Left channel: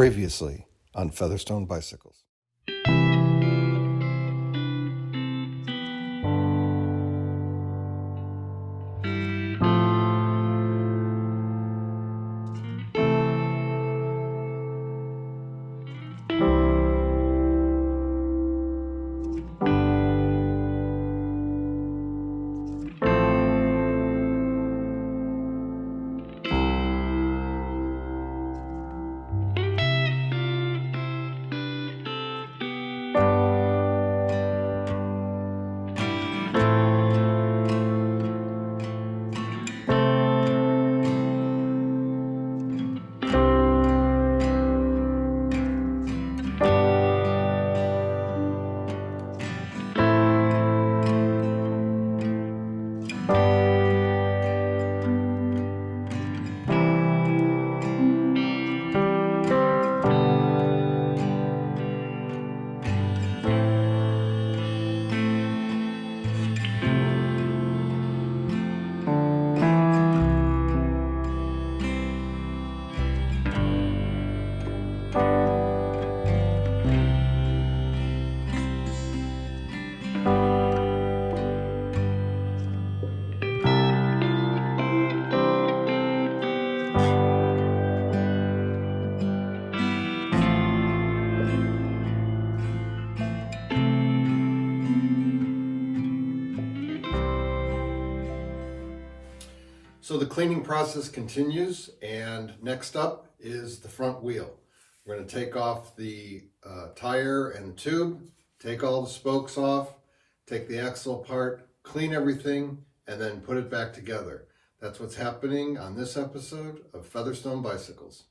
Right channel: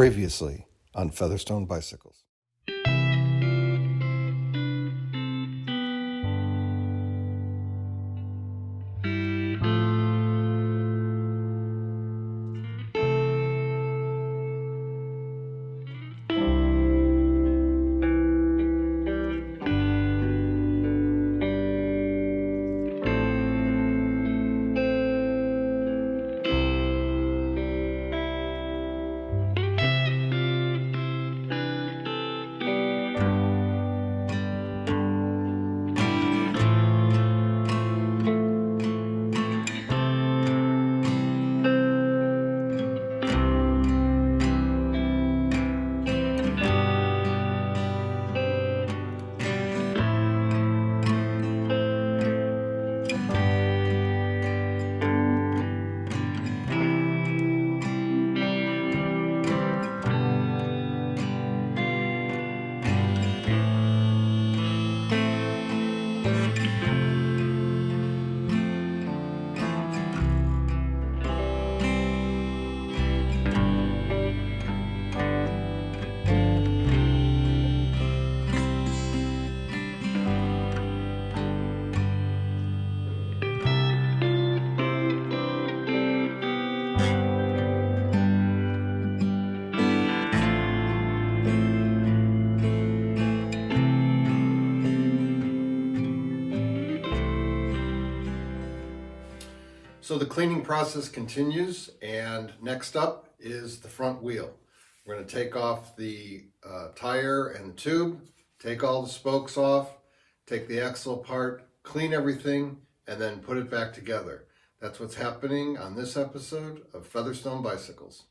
Previously on Featherstone Bicycles. So the cleaning process continues, and next up is the front wheel. We're going to take off the tire and the tube, take all the spokes off, take the axle apart, clean everything, and then put it back together. That's what's happening on this episode of Featherstone Bicycles.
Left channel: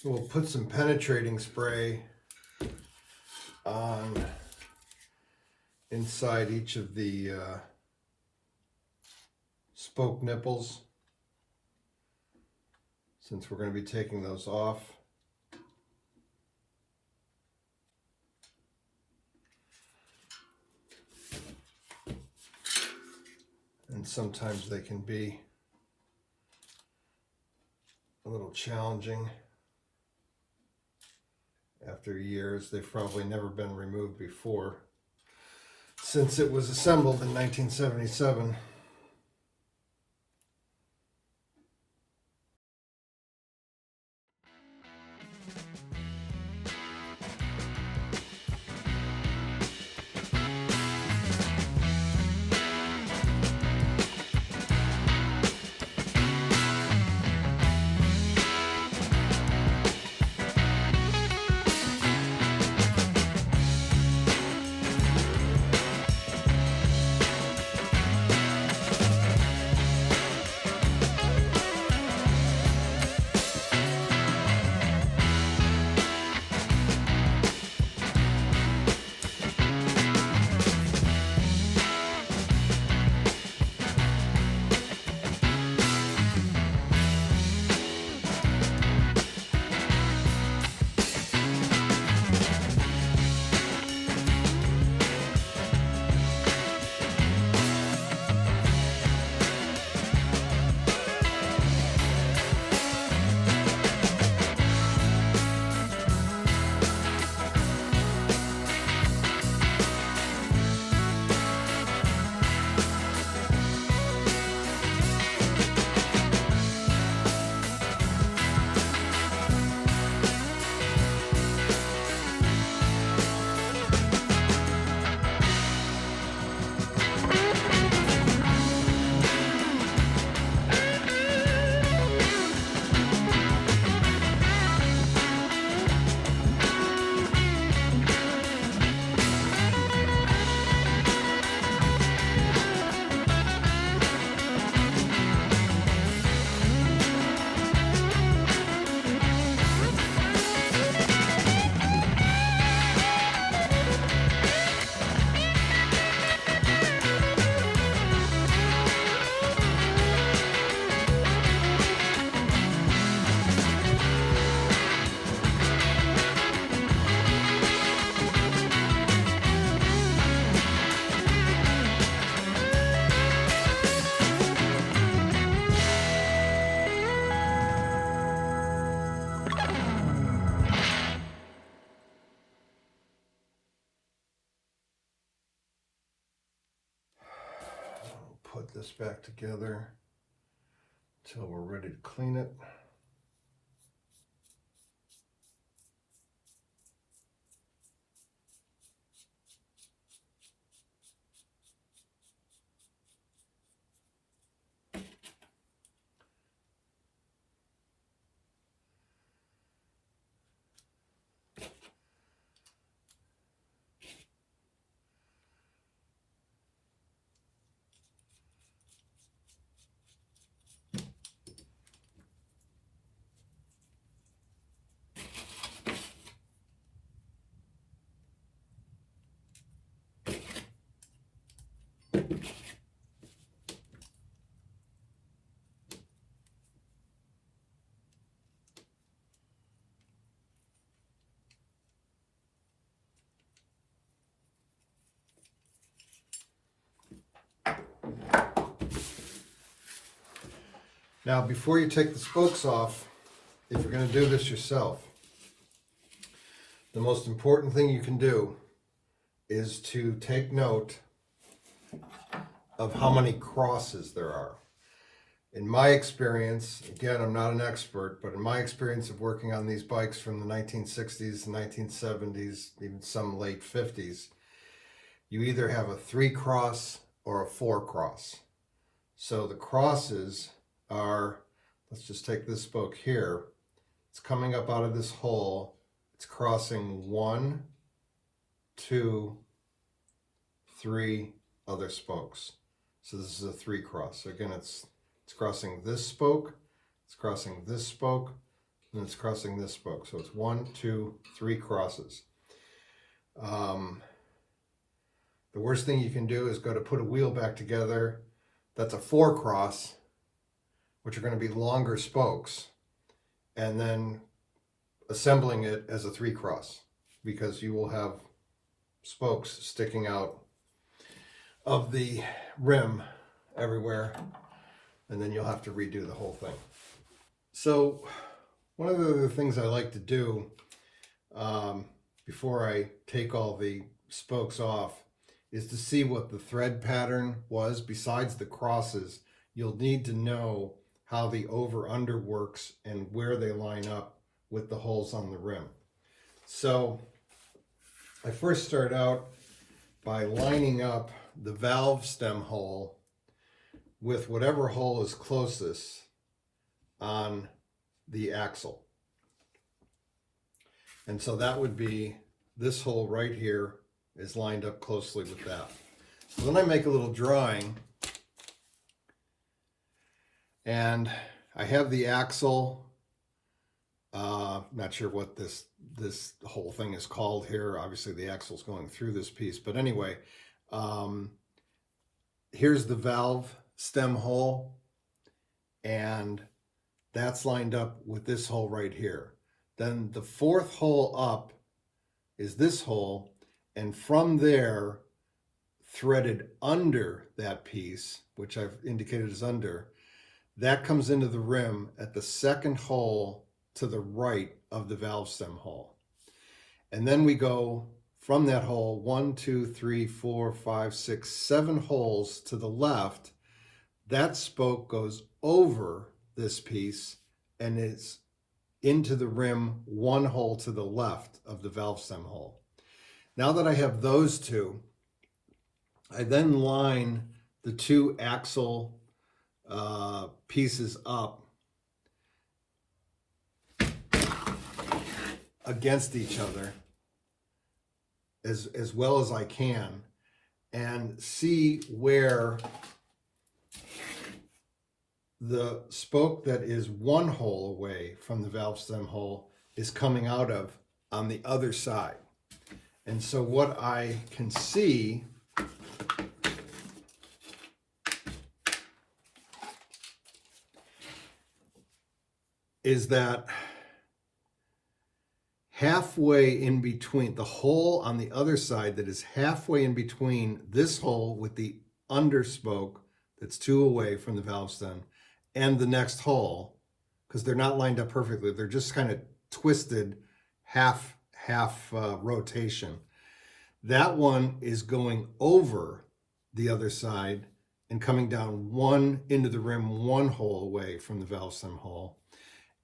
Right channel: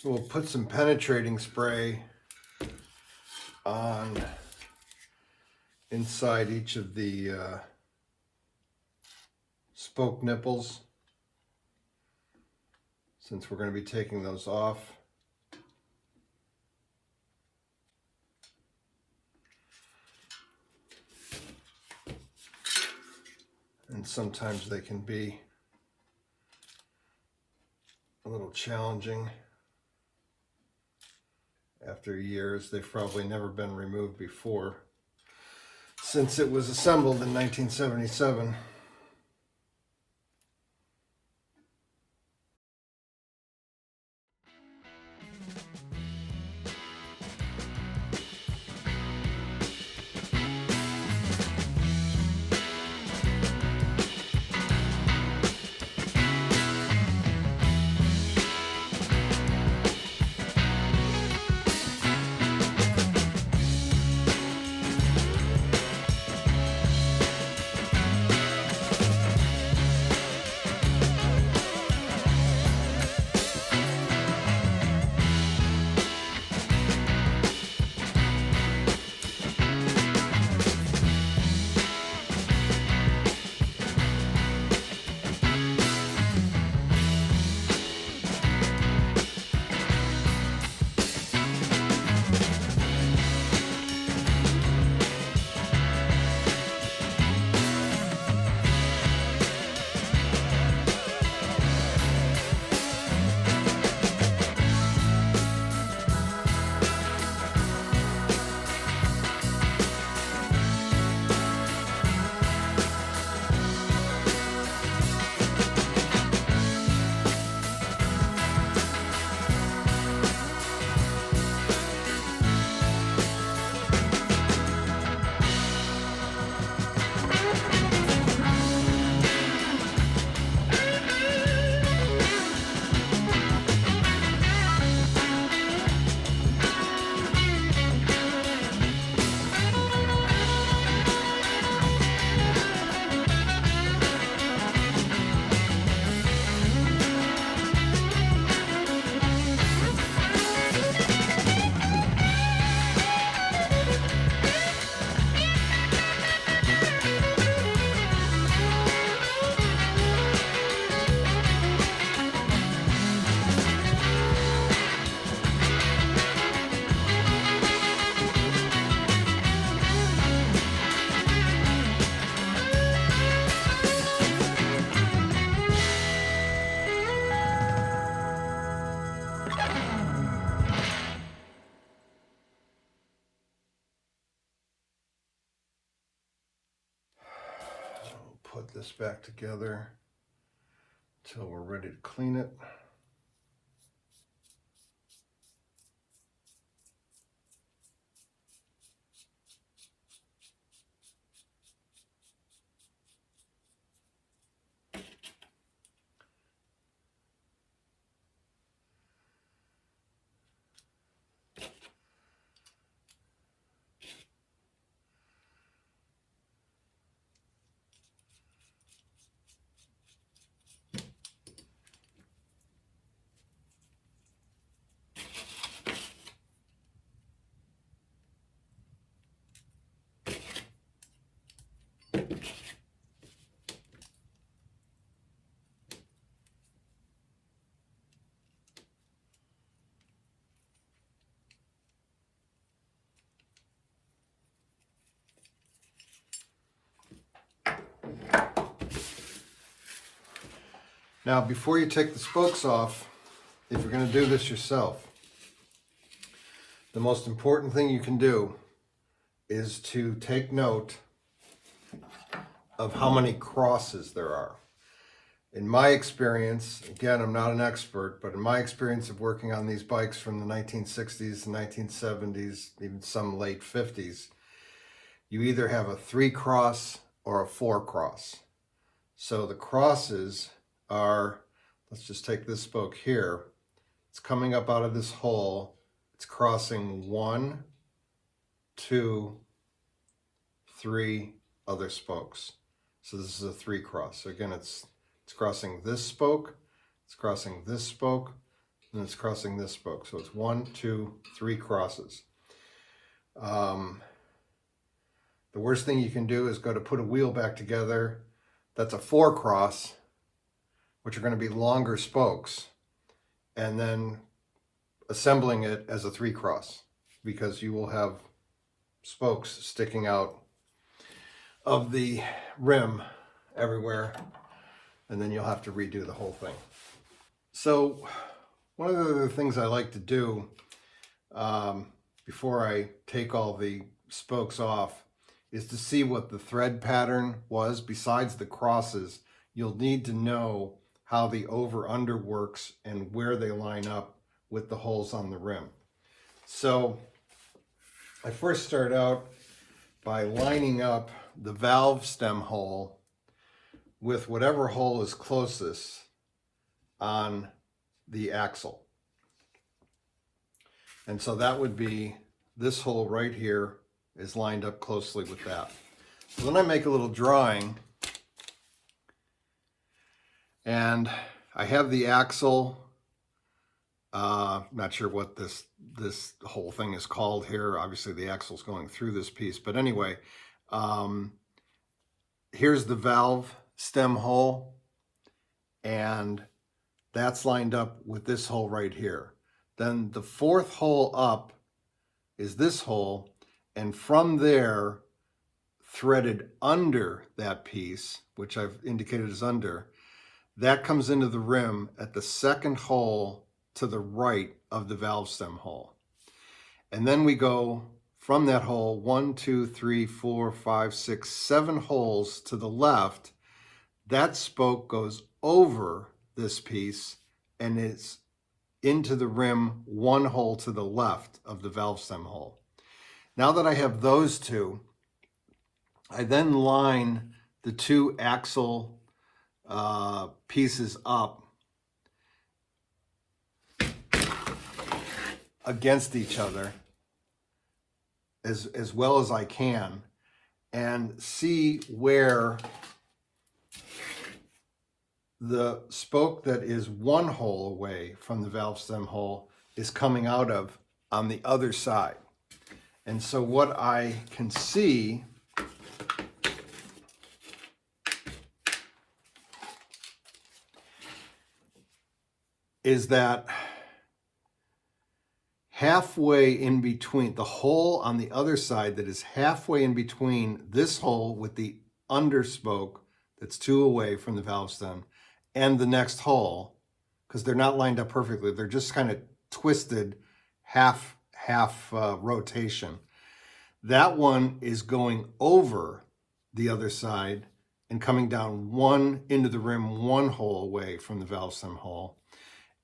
So we'll put some penetrating spray on inside each of the spoke nipples, since we're going to be taking those off. and sometimes they can be a little challenging. After years, they've probably never been removed before, since it was assembled in 1977. Put this back together until we're ready to clean it. Now, before you take the spokes off, if you're going to do this yourself, the most important thing you can do is to take note of how many crosses there are. In my experience, again, I'm not an expert, but in my experience of working on these bikes from the 1960s, 1970s, even some late 50s, you either have a 3-cross or a 4-cross. So the crosses are, let's just take this spoke here, it's coming up out of this hole, it's crossing 1, 2, 3 other spokes. So this is a 3-cross. So again, it's crossing this spoke, it's crossing this spoke, and it's crossing this spoke. So it's 1, 2, 3 crosses. The worst thing you can do is go to put a wheel back together that's a 4-cross, which are going to be longer spokes, and then assembling it as a 3-cross, because you will have spokes sticking out of the rim everywhere, and then you'll have to redo the whole thing. So one of the things I like to do before I take all the spokes off is to see what the thread pattern was. Besides the crosses, you'll need to know how the over-under works and where they line up with the holes on the rim. So I first start out by lining up the valve stem hole with whatever hole is closest on the axle. And so that would be this hole right here is lined up closely with that. So then I make a little drawing, and I have the axle. Not sure what this whole thing is called here. Obviously the axle's going through this piece, but anyway, here's the valve stem hole, and that's lined up with this hole right here. Then the fourth hole up is this hole, and from there, threaded under that piece, which I've indicated as under, that comes into the rim at the second hole to the right of the valve stem hole. And then we go from that hole 1, 2, 3, 4, 5, 6, 7 holes to the left. That spoke goes over this piece and it's into the rim 1 hole to the left of the valve stem hole. Now that I have those two, I then line the 2 axle pieces up against each other as well as I can, and see where the spoke that is 1 hole away from the valve stem hole is coming out of on the other side. And so what I can see is that halfway in between, the hole on the other side that is halfway in between this hole with the under spoke that's 2 away from the valve stem and the next hole, because they're not lined up perfectly, they're just kind of twisted half rotation. That one is going over the other side and coming down 1 into the rim, 1 hole away from the valve stem hole.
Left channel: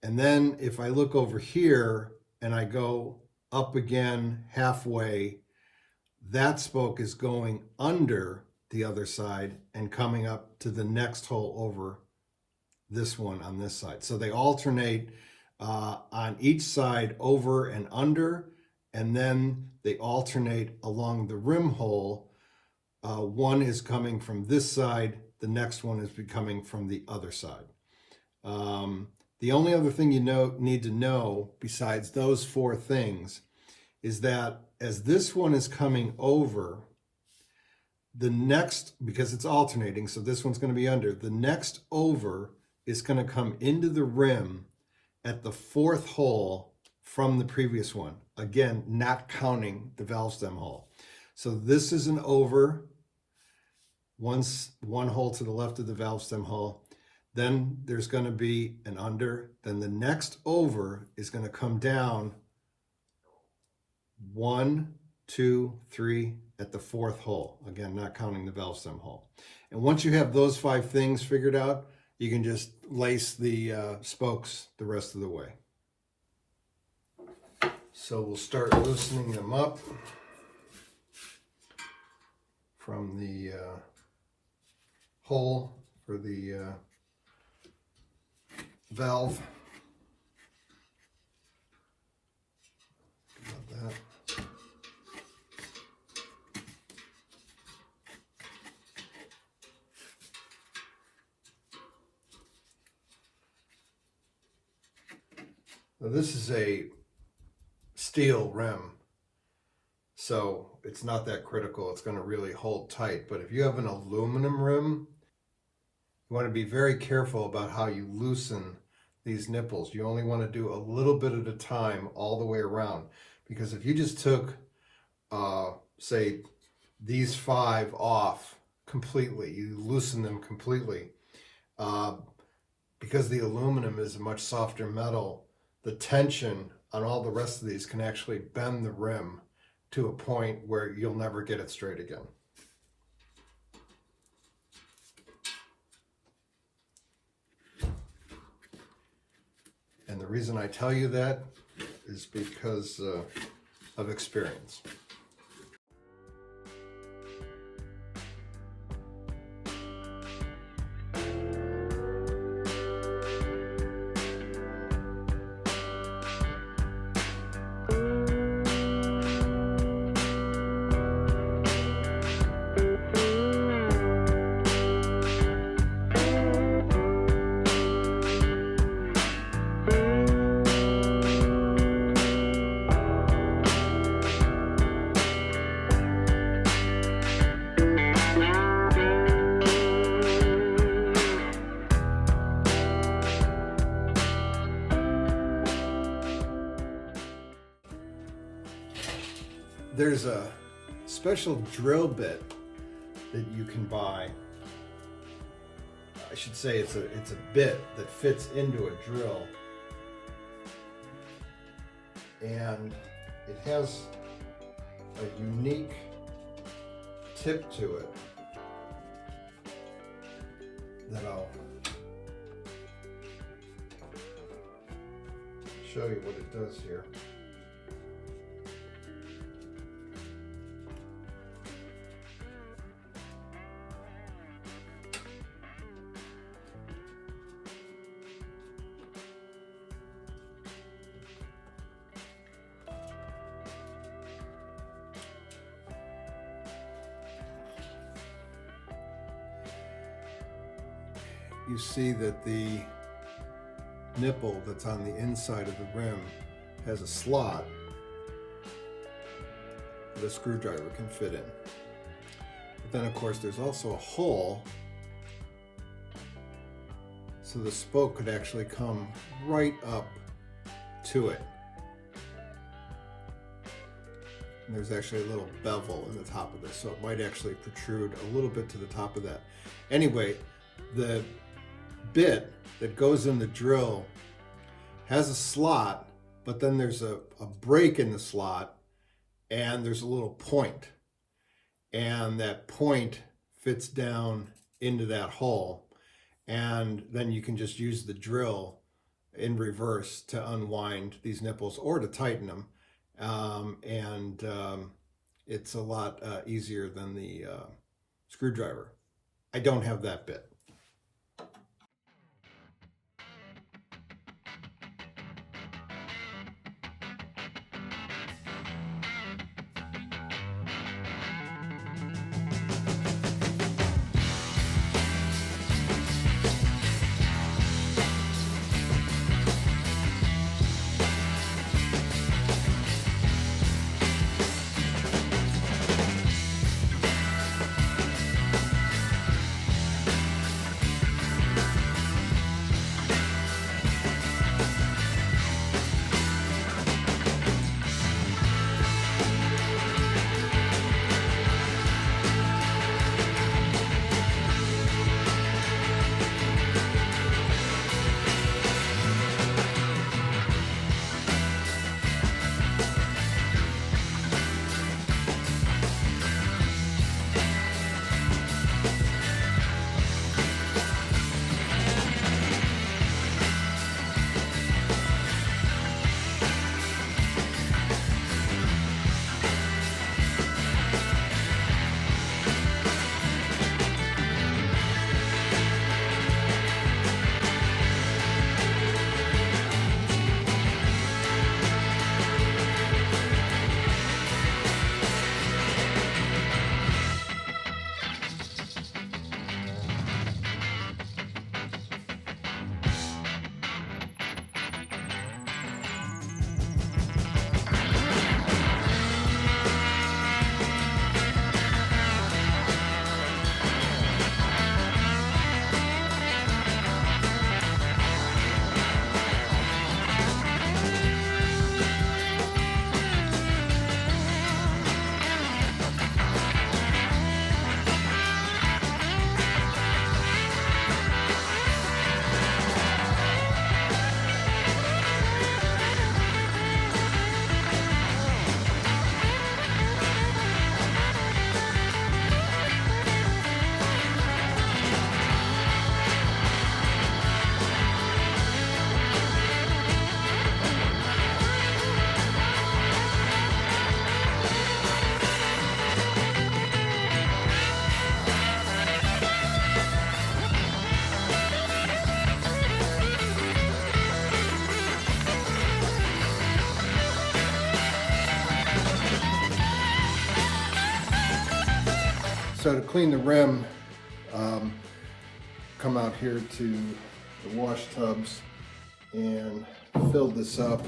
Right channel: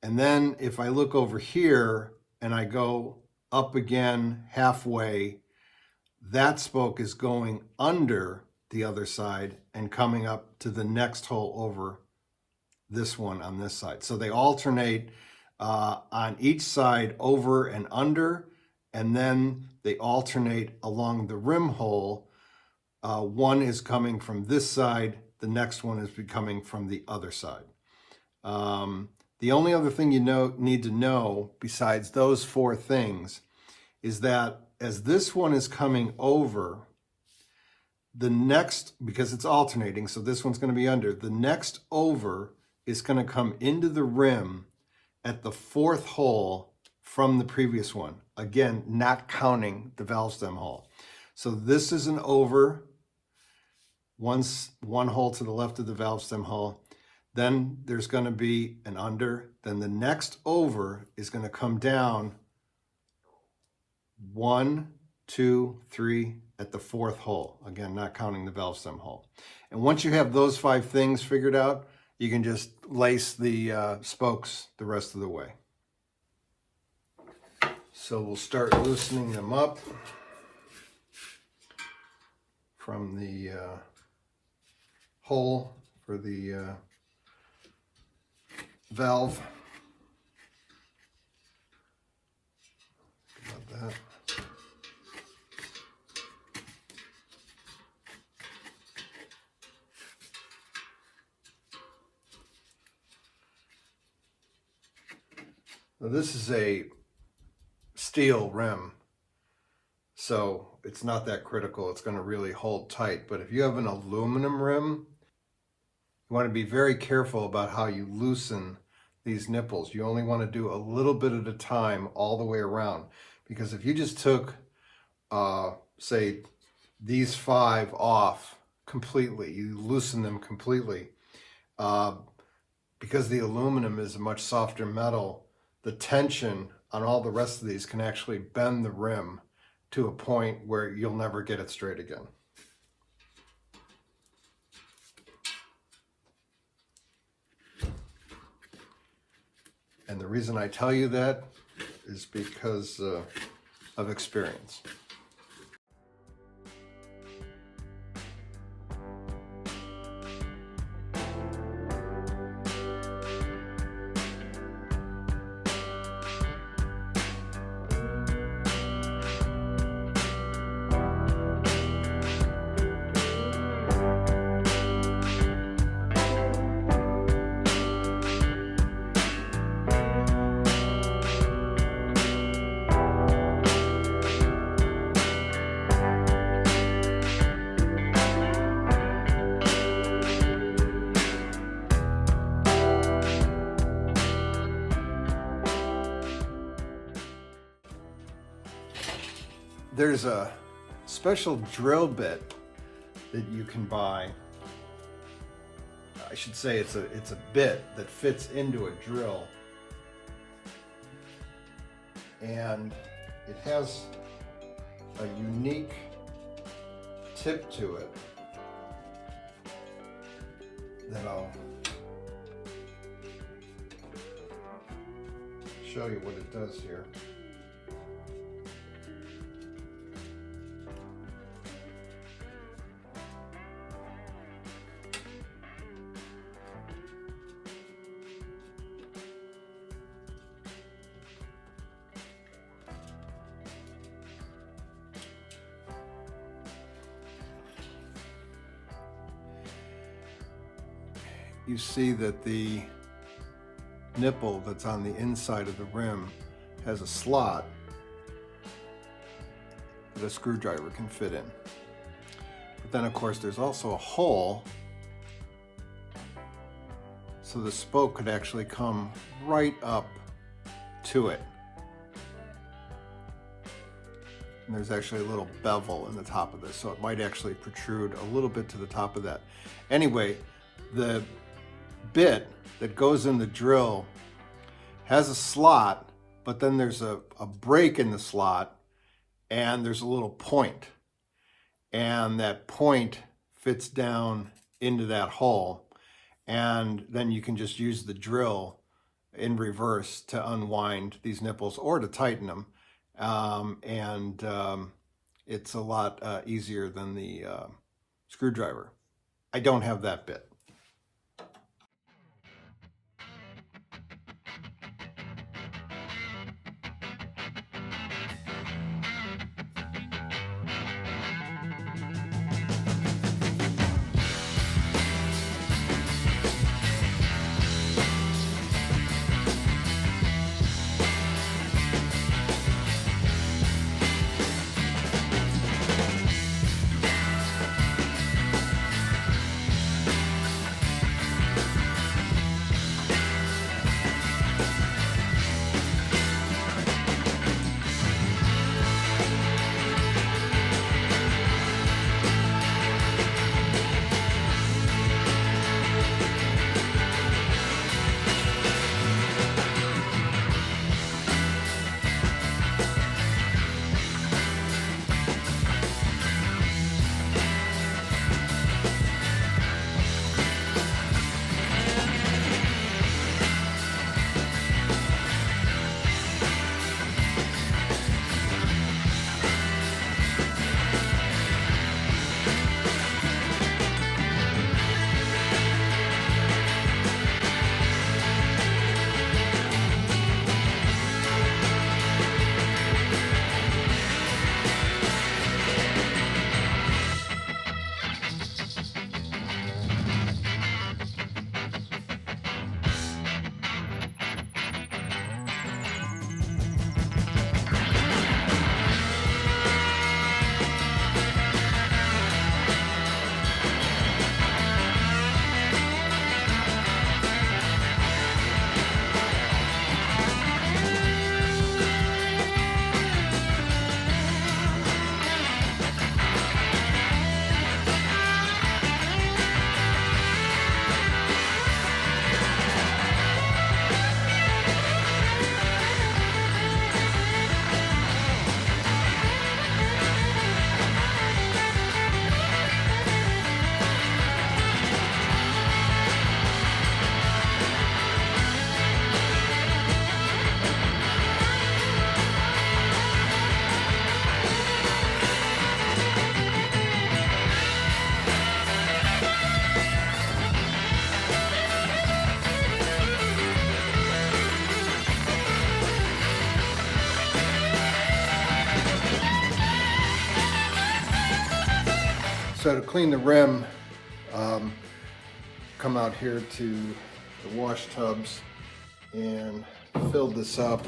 And then if I look over here and I go up again halfway, that spoke is going under the other side and coming up to the next hole over this one on this side. So they alternate on each side, over and under, and then they alternate along the rim hole. One is coming from this side, the next one is coming from the other side. The only other thing you need to know besides those 4 things is that as this one is coming over, the next, because it's alternating, so this one's going to be under, the next over is going to come into the rim at the 4th hole from the previous one. Again, not counting the valve stem hole. So this is an over, one hole to the left of the valve stem hole. Then there's going to be an under. Then the next over is going to come down 1, 2, 3 at the 4th hole. Again, not counting the valve stem hole. And once you have those 5 things figured out, you can just lace the spokes the rest of the way. So we'll start loosening them up from the hole for the valve. About that. Now this is a steel rim, so it's not that critical. It's going to really hold tight. But if you have an aluminum rim, you want to be very careful about how you loosen these nipples. You only want to do a little bit at a time all the way around, because if you just took say these 5 off completely. You loosen them completely. Because the aluminum is a much softer metal, the tension on all the rest of these can actually bend the rim to a point where you'll never get it straight again. And the reason I tell you that is because of experience. There's a special drill bit that you can buy. I should say it's a bit that fits into a drill, and it has a unique tip to it that I'll show you what it does here. You see that the nipple that's on the inside of the rim has a slot that a screwdriver can fit in. But then of course there's also a hole, so the spoke could actually come right up to it. And there's actually a little bevel in the top of this, so it might actually protrude a little bit to the top of that. Anyway, the bit that goes in the drill has a slot, but then there's a break in the slot, and there's a little point, and that point fits down into that hole, and then you can just use the drill in reverse to unwind these nipples or to tighten them, it's a lot easier than the screwdriver. I don't have that bit. So to clean the rim, come out here to the wash tubs and filled this up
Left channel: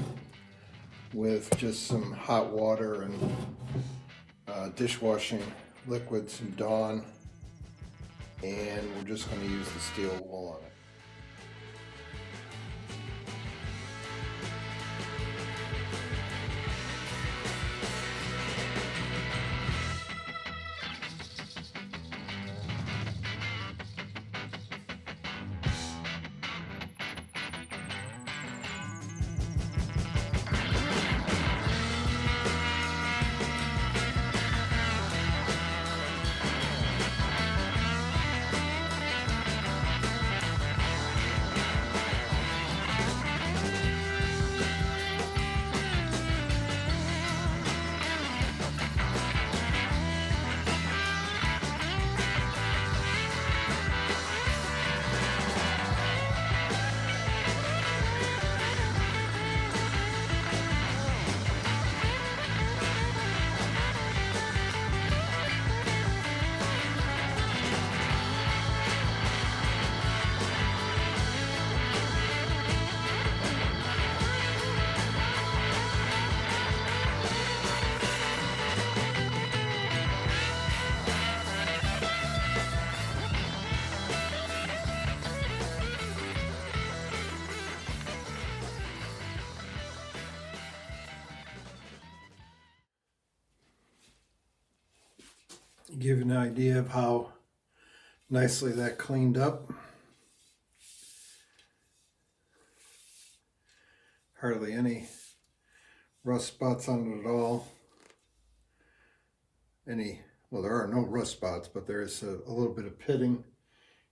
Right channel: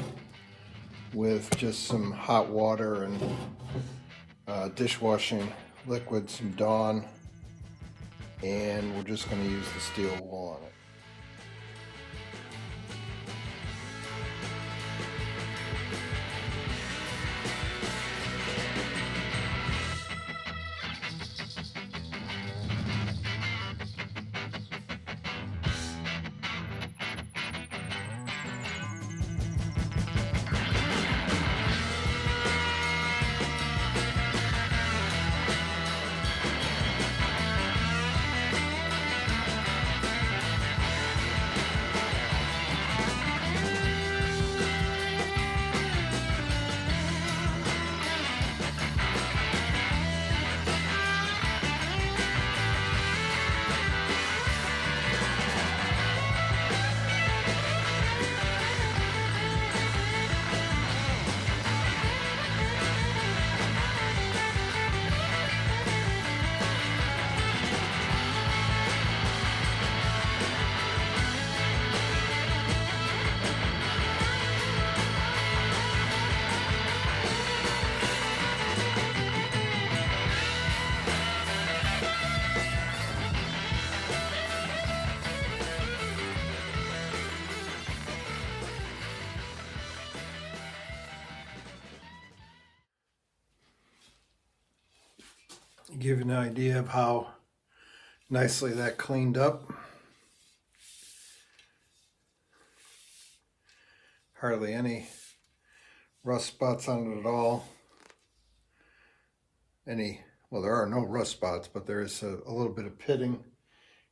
with just some hot water and dishwashing liquid, some Dawn, and we're just going to use the steel wool on it. Give you an idea of how nicely that cleaned up. Hardly any rust spots on it at all. Well, there are no rust spots, but there is a little bit of pitting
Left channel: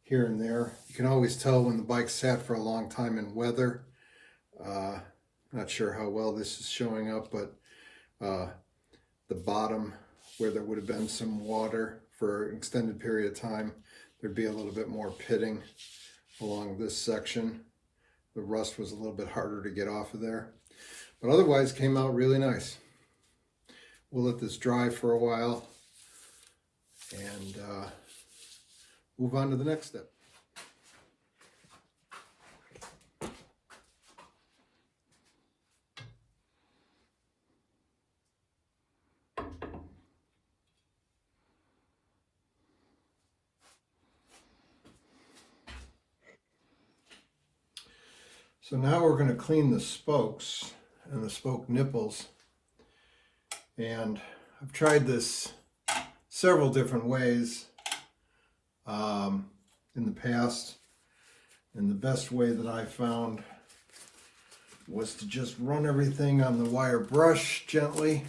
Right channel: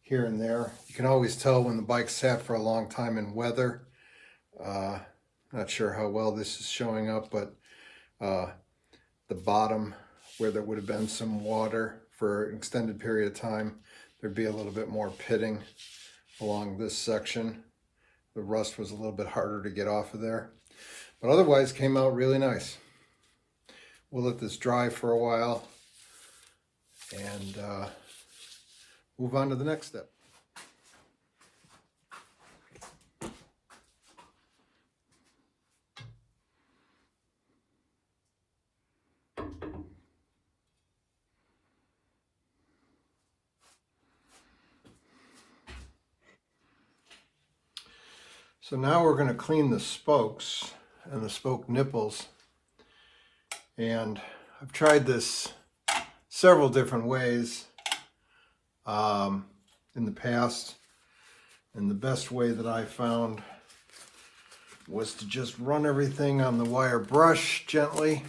here and there. You can always tell when the bike sat for a long time in weather. Not sure how well this is showing up, but the bottom, where there would have been some water for an extended period of time, there'd be a little bit more pitting along this section. The rust was a little bit harder to get off of there, but otherwise came out really nice. We'll let this dry for a while and move on to the next step. So now we're going to clean the spokes and the spoke nipples, and I've tried this several different ways in the past, and the best way that I found was to just run everything on the wire brush gently.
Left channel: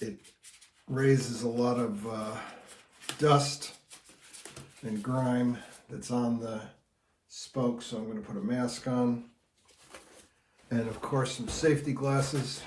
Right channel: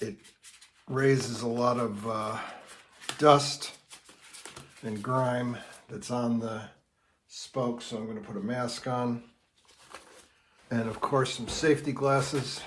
It raises a lot of dust and grime that's on the spoke, so I'm going to put a mask on, and of course some safety glasses.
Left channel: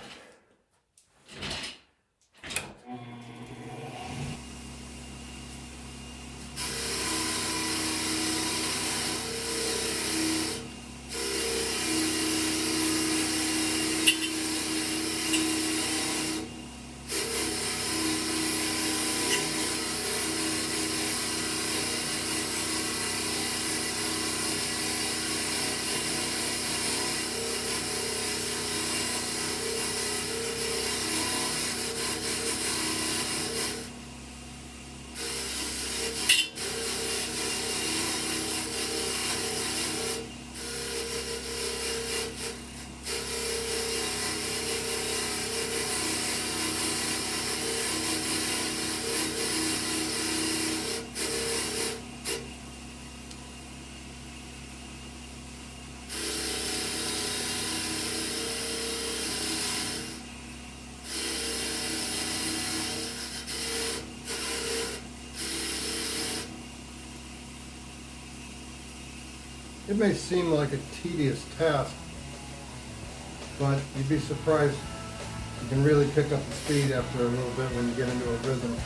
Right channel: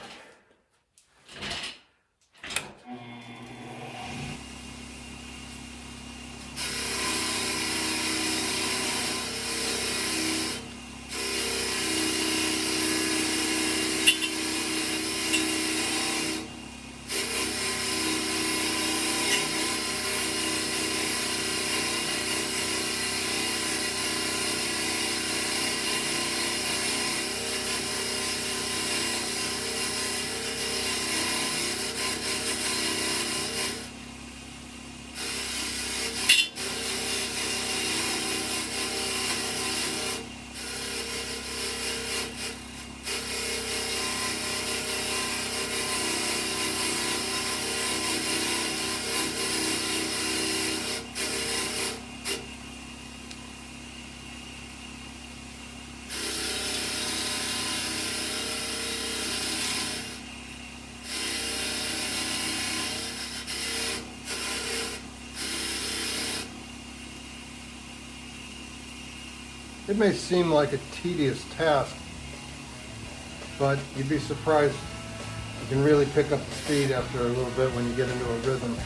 It may seem like a tedious task, but you'd be surprised. You can really pick up the speed after a little bit when you get into a rhythm.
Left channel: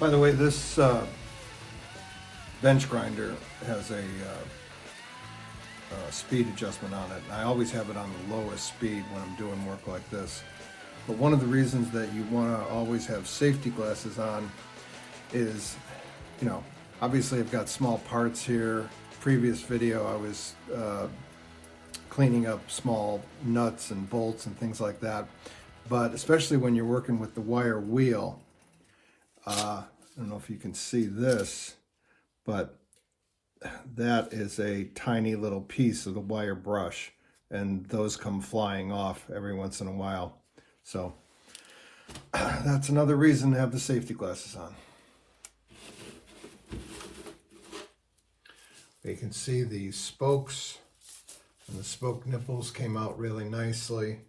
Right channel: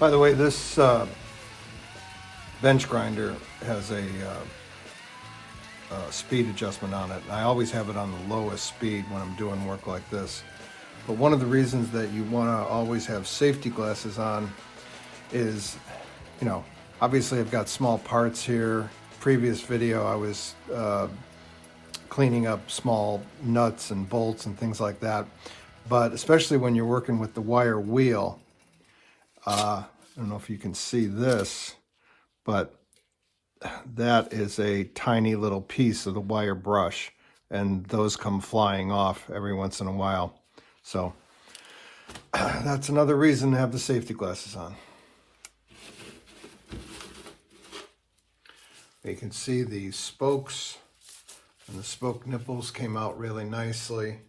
By the way, this bench grinder has a speed adjustment on it. I always have it on the lowest speed when I'm doing work like this. But one of the reasons that you want to always have safety glasses on is, you know, obviously I've got small parts here. Previous video I was cleaning up small nuts and bolts and things like that. But especially when you're working with the wire wheel, I don't know if you can see this, but that is a tiny little piece of the wire brush, and those come flying off every once in a while. So that's another reason to have the safety glasses on. You can see the spokes and the spoke nipples came out really nicely,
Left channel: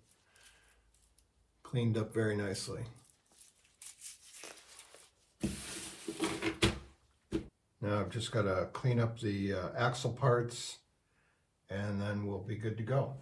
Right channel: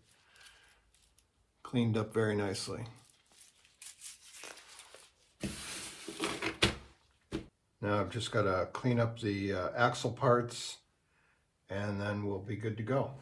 cleaned up very nicely. Now I've just got to clean up the axle parts, and then we'll be good to go.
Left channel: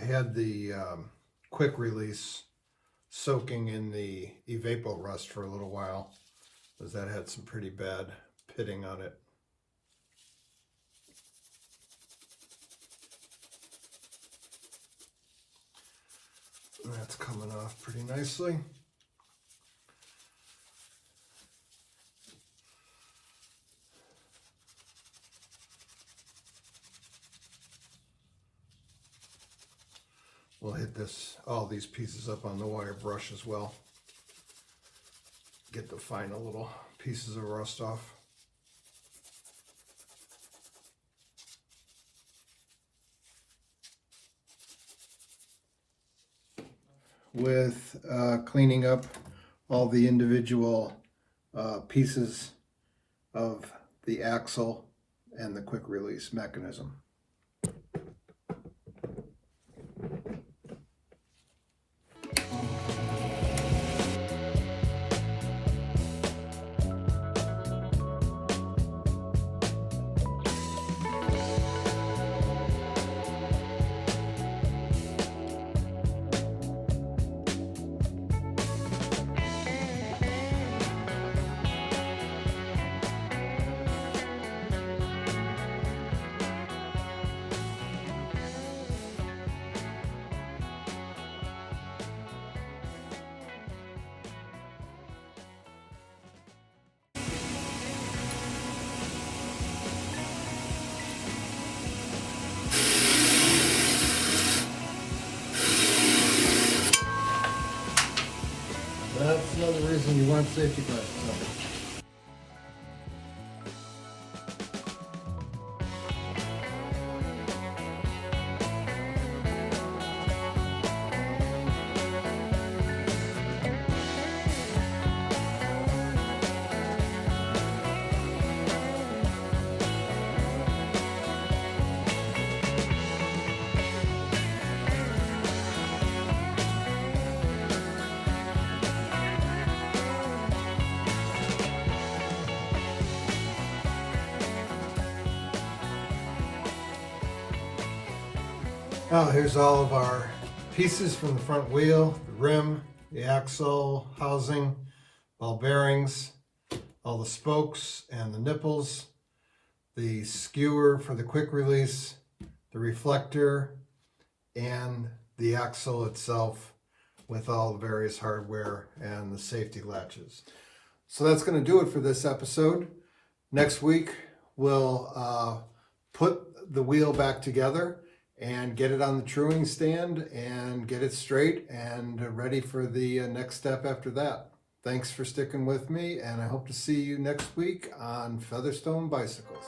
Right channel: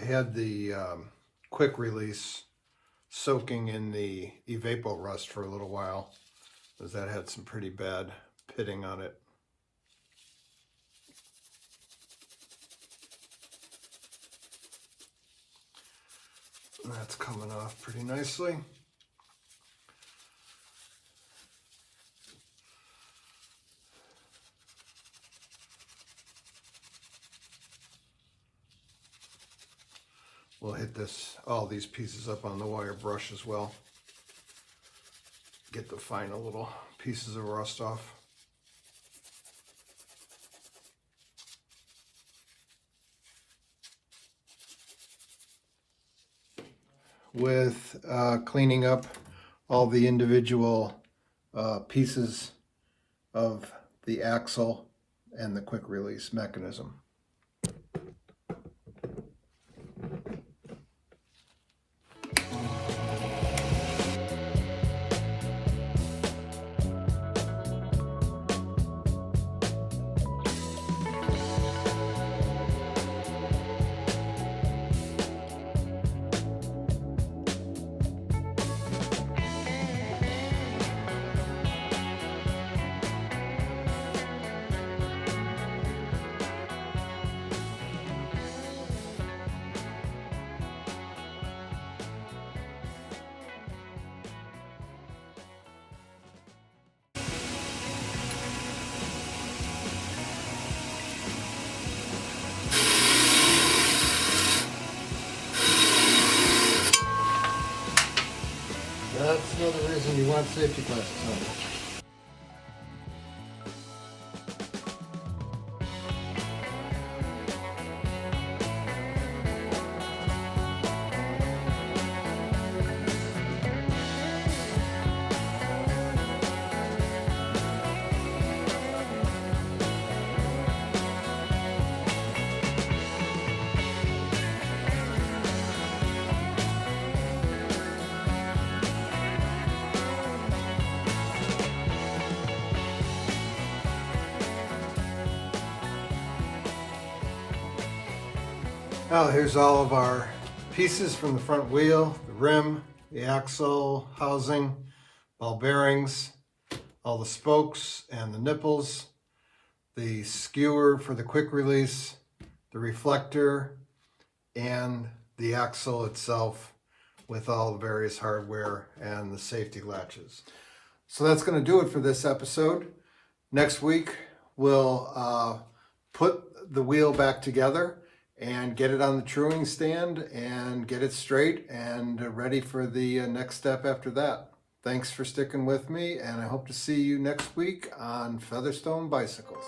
I had the quick release soaking in the Evapo rust for a little while, because that had some pretty bad pitting on it. That's coming off pretty nicely. We'll hit all these pieces up on the wire brush as well. Get the final little pieces of rust off. With cleaning up all the individual pieces of the axle and the quick release mechanism. safety cars. So. Well, here's all of our pieces from the front wheel, the rim, the axle, housing, ball bearings, all the spokes and the nipples, the skewer for the quick release, the reflector, and the axle itself with all the various hardware and the safety latches. So that's going to do it for this episode. Next week, we'll put the wheel back together and get it on the truing stand and get it straight and ready for the next step after that. Thanks for sticking with me, and I hope to see you next week on Featherstone Bicycles.